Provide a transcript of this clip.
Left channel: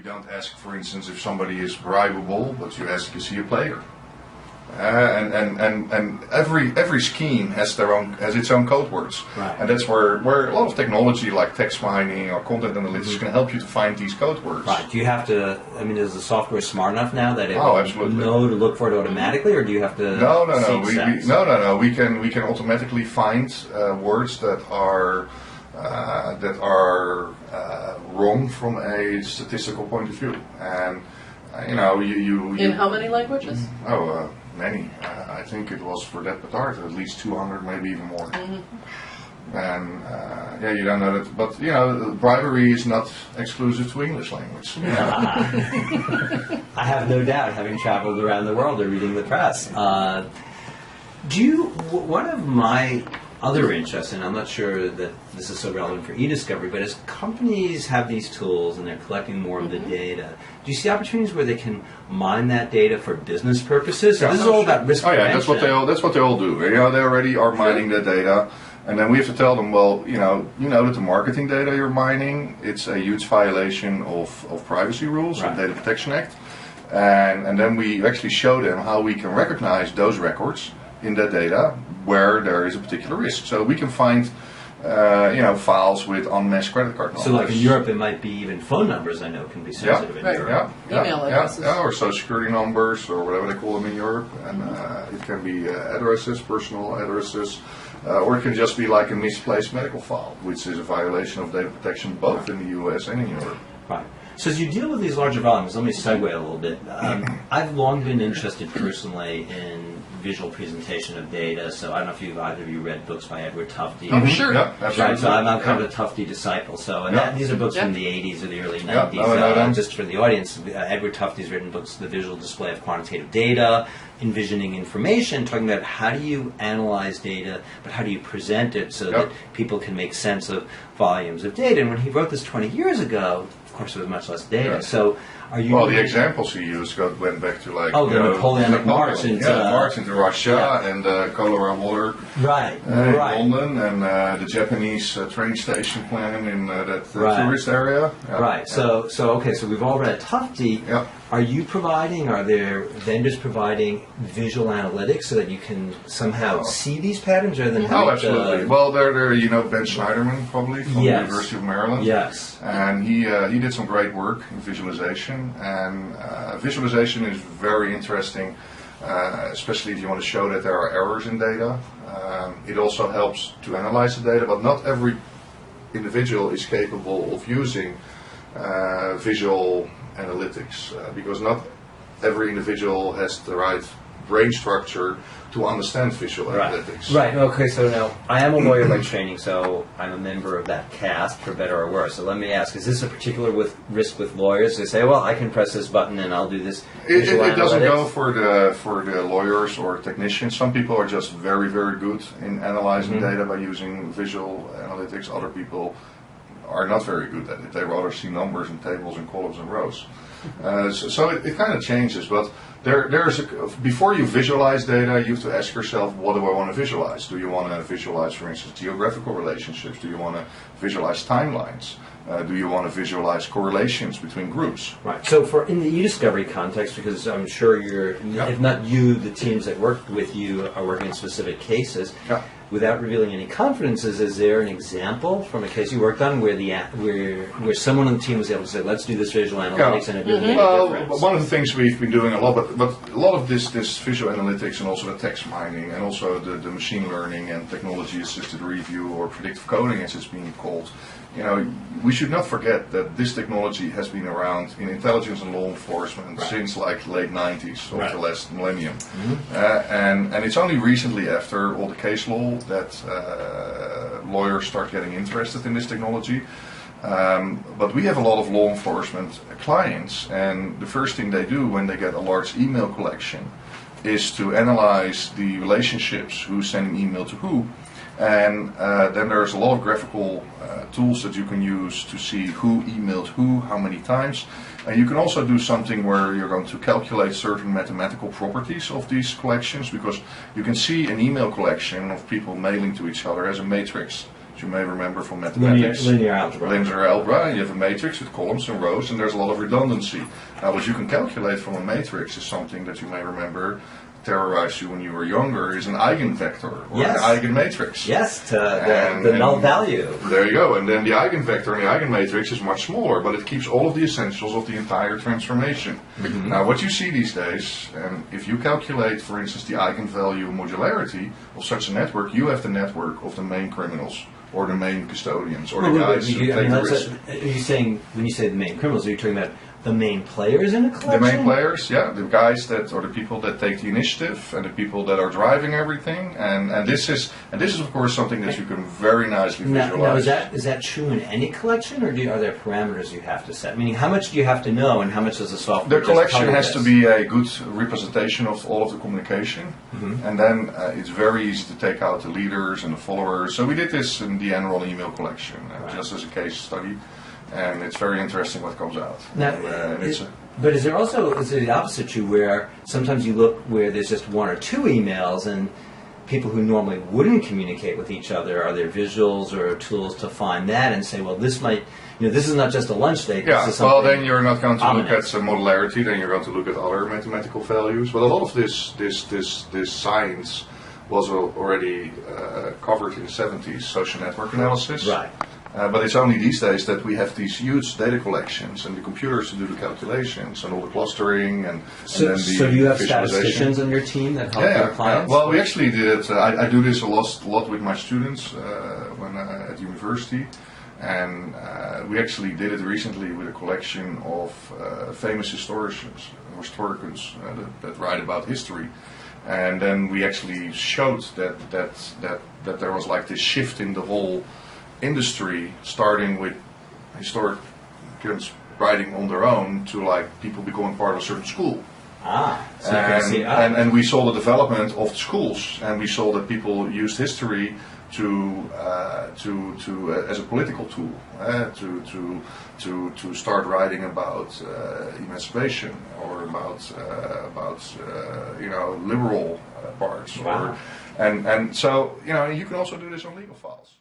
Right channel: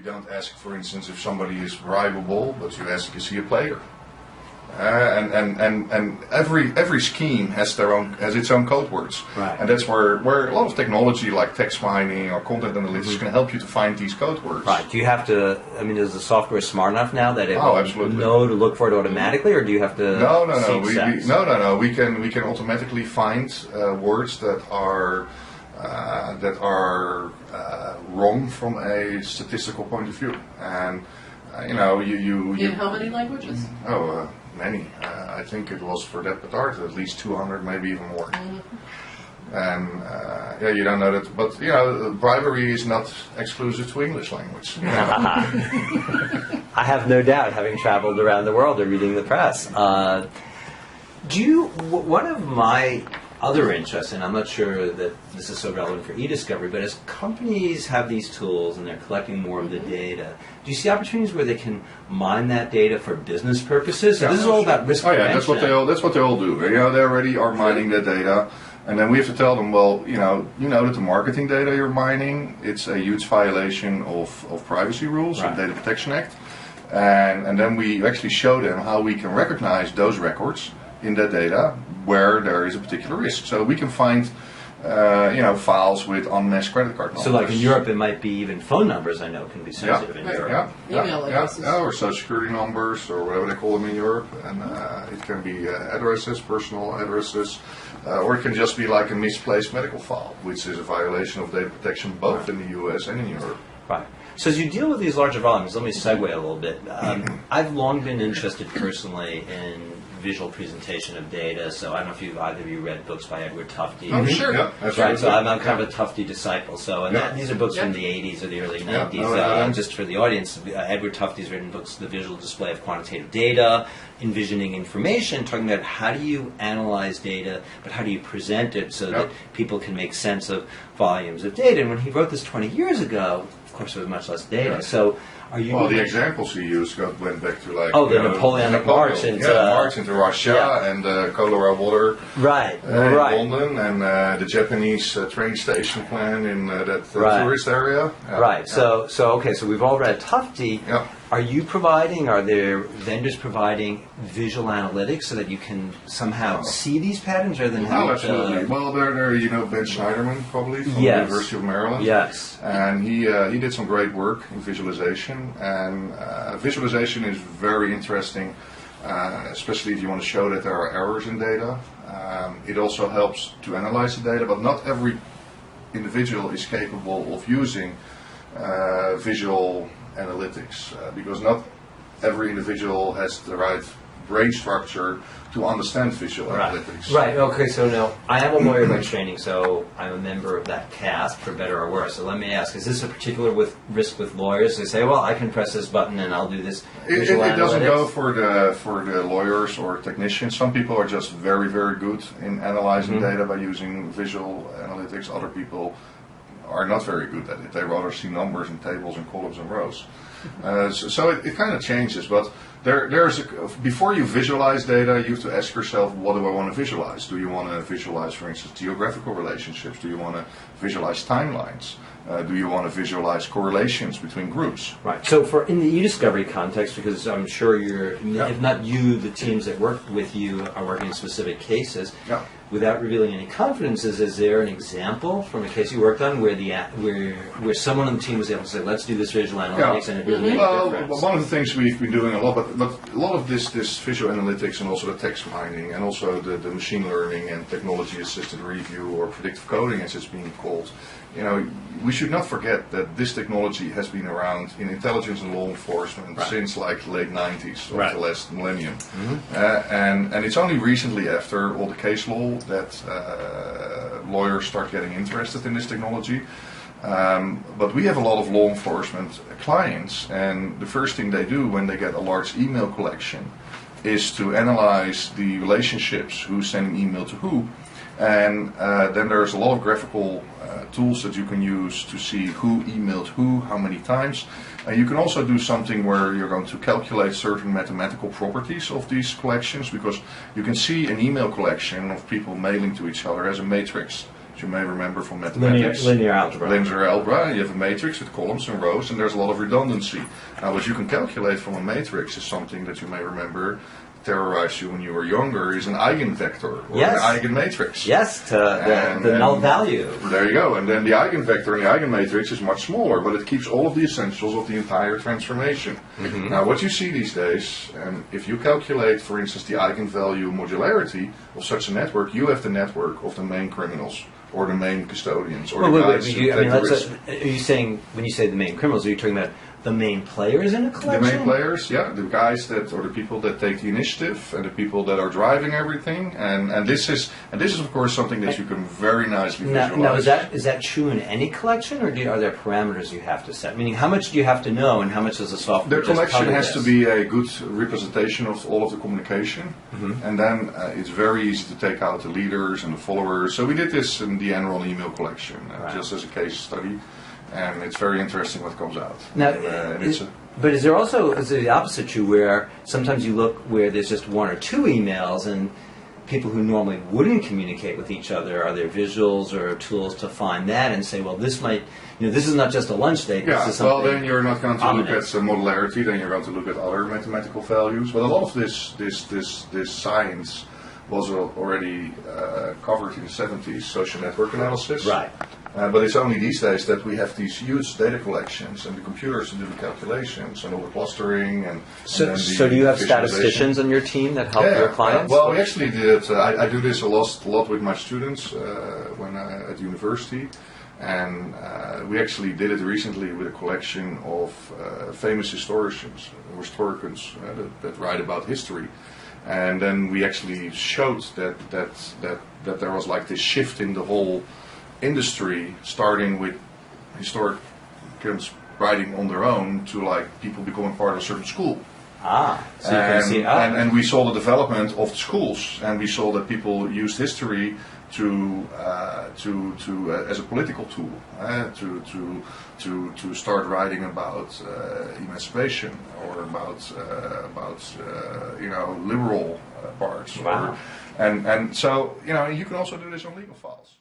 You don't ask, for instance, if somebody is bribable, but you ask, is he a player? And every scheme has its own code words, right. And that's where a lot of technology like text mining or content analytics can help you to find these code words. Right. Do you have to? I mean, is the software smart enough now that it will know to look for it automatically, or do you have to? No. We can automatically find words that are wrong from a statistical point of view, and you in how many languages? Many. I think it was for that part at least 200, maybe even more. Mm-hmm. And you don't know that, but bribery is not exclusive to English language. I have no doubt, having traveled around the world and reading the press. One of my other interests, and I'm not sure that this is so relevant for e-discovery, but as companies have these tools and they're collecting more of the data, do you see opportunities where they can mine that data for business purposes? So this is all about risk prevention. That's what they all do. They already are mining the data, and then we have to tell them, well, you know that the marketing data you're mining, it's a huge violation of privacy rules, right. The Data Protection Act, and then we actually show them how we can recognize those records in that data where there is a particular risk. So we can find files with unmatched credit card numbers. So like in Europe it might be even phone numbers, I know, can be sensitive in Europe. Email addresses. Or social security numbers or whatever they call them in Europe. And it can be addresses, personal addresses, or it can just be like a misplaced medical file, which is a violation of data protection both in the US and in Europe. Right. So as you deal with these larger volumes, let me segue a little bit. I've long been interested personally in visual presentation of data. So I don't know if either of you read books by Edward Tufte. Oh, sure. Yeah, absolutely. Right, so I'm kind of a Tufte disciple. So these are books from the 80s or the early 90s. Just for the audience, Edward Tufte's written books, The Visual Display of Quantitative Data, Envisioning Information, talking about how do you analyze data, but how do you present it so that people can make sense of volumes of data. And when he wrote this 20 years ago, of course, there was much less data. Yeah. So, are you? Well, the examples he used went back to like the Napoleonic march into Russia and the cholera water, right, in London, and the Japanese train station plan in that tourist area. Right. So we've all read Tufte. Yeah. Are there vendors providing visual analytics so that you can somehow see these patterns rather than having absolutely. Well, they're Ben Schneiderman probably from the University of Maryland. Yes. And he did some great work in visualization, and visualization is very interesting, especially if you want to show that there are errors in data. It also helps to analyze the data, but not every individual is capable of using visual analytics, because not every individual has the right brain structure to understand visual analytics. Right, okay, so now, I am a lawyer by training, so I'm a member of that cast, for better or worse. So let me ask, is this a particular risk with lawyers? They say, well, I can press this button and I'll do this visual analytics. It doesn't go for the lawyers or technicians. Some people are just very, very good in analyzing data by using visual analytics. Other people are not very good at it. They rather see numbers and tables and columns and rows. So it kind of changes, but before you visualize data, you have to ask yourself, what do I want to visualize? Do you want to visualize, for instance, geographical relationships? Do you want to visualize timelines? Do you want to visualize correlations between groups? Right. So in the e-discovery context, because I'm sure if not you, the teams that work with you are working on specific cases. Yeah. Without revealing any confidences, is there an example from a case you worked on where someone on the team was able to say, let's do this visual analytics and it really made a difference? One of the things we've been doing a lot, but a lot of this visual analytics and also the text mining and also the machine learning and technology assisted review or predictive coding as it's being called, we should not forget that this technology has been around in intelligence and law enforcement since like the late 90s of the last millennium. And it's only recently after all the case law that lawyers start getting interested in this technology. But we have a lot of law enforcement clients, and the first thing they do when they get a large email collection is to analyze the relationships, who's sending email to who. And then there's a lot of graphical tools that you can use to see who emailed who, how many times. And you can also do something where you're going to calculate certain mathematical properties of these collections, because you can see an email collection of people mailing to each other as a matrix you may remember from mathematics. Linear algebra. Linear algebra, you have a matrix with columns and rows, and there's a lot of redundancy. Now, what you can calculate from a matrix is something that you may remember terrorized you when you were younger, is an eigenvector or an eigenmatrix. Yes, the null value. There you go. And then the eigenvector and the eigenmatrix is much smaller, but it keeps all of the essentials of the entire transformation. Now, what you see these days, if you calculate, for instance, the eigenvalue modularity of such a network, you have the network of the main criminals or the main custodians or the guys who take the risk. Are you saying, when you say the main criminals, are you talking about the main players in a collection? The main players, yeah, the guys that, or the people that take the initiative, and the people that are driving everything, and this is of course something that you can very nicely visualize. Now, is that true in any collection, or are there parameters you have to set? Meaning, how much do you have to know, and how much does the software? The collection has to be a good representation of all of the communication, and then it's very easy to take out the leaders and the followers. So we did this in the Enron email collection, just as a case study. And it's very interesting what comes out. Now, but is there the opposite true, where sometimes you look where there's just one or two emails, and people who normally wouldn't communicate with each other, are there visuals or tools to find that and say, well, this might, this is not just a lunch date. Yeah, this is well, then you're not going to ominous. look at modularity, then you're going to look at other mathematical values. But a lot of this science was already covered in the 70s, social network analysis. Right. But it's only these days that we have these huge data collections and the computers to do the calculations and all the clustering and then So do you have statisticians on your team that help your clients? Well, we actually did it. I do this a lot with my students when at university, and we actually did it recently with a collection of famous historians that write about history. And then we actually showed that there was like this shift in the whole industry, starting with historians writing on their own to like people becoming part of a certain school. So you can see, and we saw the development of the schools, and we saw that people used history to as a political tool to start writing about emancipation or about liberal parts. Wow. And so you can also do this on legal files.